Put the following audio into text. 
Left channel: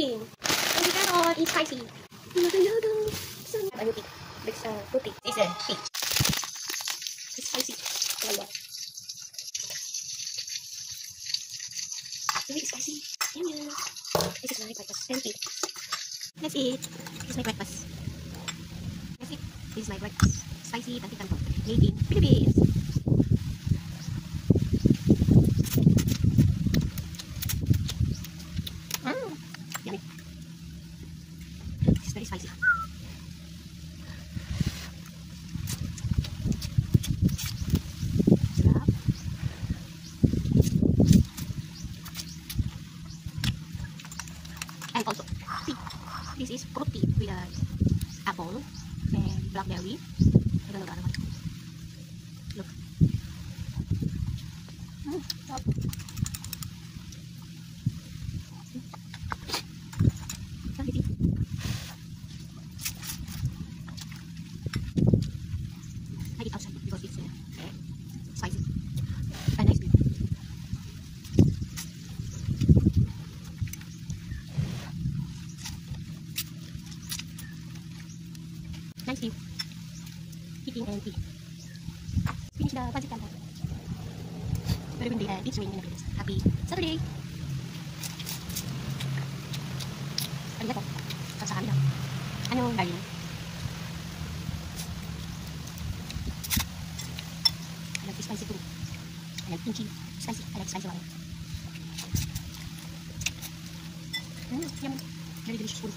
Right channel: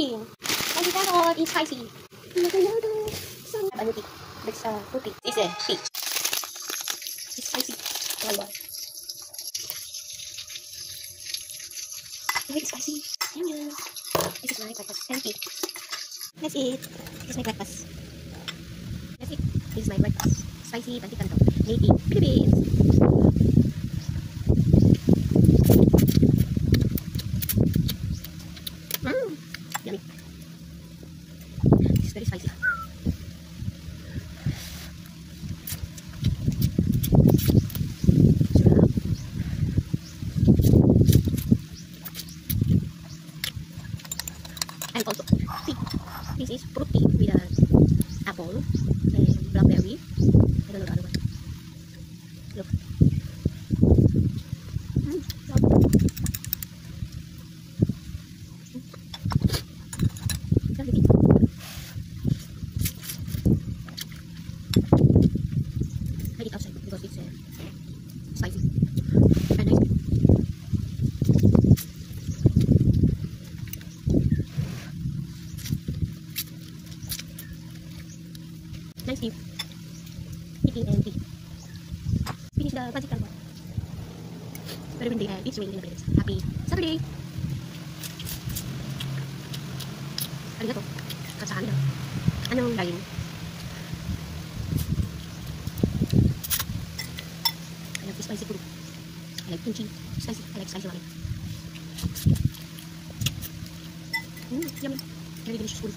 cooking. And the carrot is spicy. Ano tea? Fruity. This is tea. It's spicy. One more. Very spicy. Yum yum. This is my breakfast. Thank you. That's it. This is my breakfast. That's it. This is my breakfast. Spicy pancit canton. Made in Philippines. Yummy. It's very spicy. And also, see, this is fruit tea with apple and blackberry. I don't know the other one. Look. I eat outside because it's spicy and nice. Nice tea. Eating and tea. Finish the pancit canton. Very windy and it's raining in the village. Happy Saturday! Arigato. At sa kanila. Anong galing? I like spicy food. I like kimchi. Spicy. I like spicy ramen. Yummy. Very delicious food.